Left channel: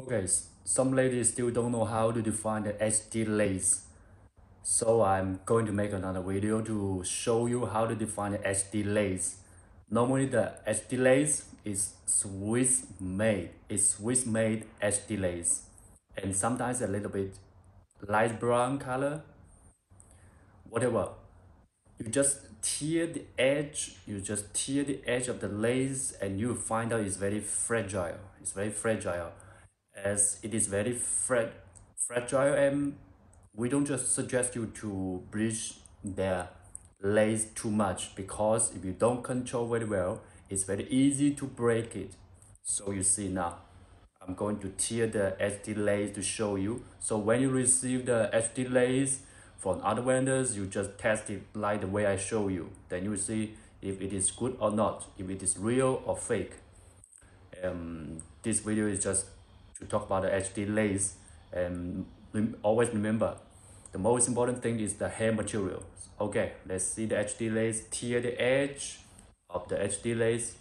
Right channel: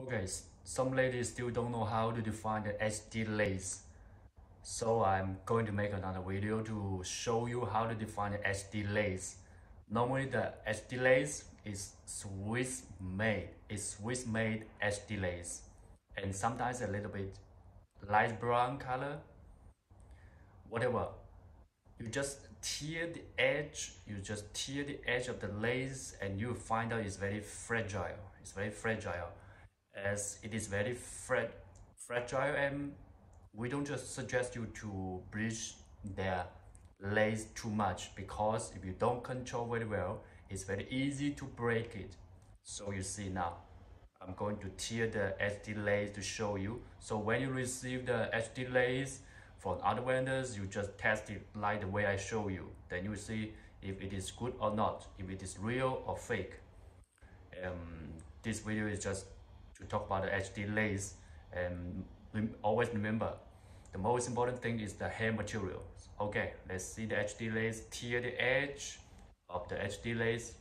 Okay, some ladies still don't know how to define the HD lace. So I'm going to make another video to show you how to define the HD lace. Normally the HD lace is Swiss made. It's Swiss made HD lace. And sometimes a little bit light brown color, whatever. You just tear the edge, of the lace and you find out it's very fragile. It's very fragile as it is very fragile, and we don't just suggest you to bleach the lace too much, because if you don't control very well, it's very easy to break it. So you see now, I'm going to tear the HD lace to show you. So when you receive the HD lace from other vendors, you just test it like the way I show you. Then you will see if it is good or not, if it is real or fake. This video is just to talk about the HD lace, and always remember, the most important thing is the hair material. Okay, let's see the HD lace. Tear the edge of the HD lace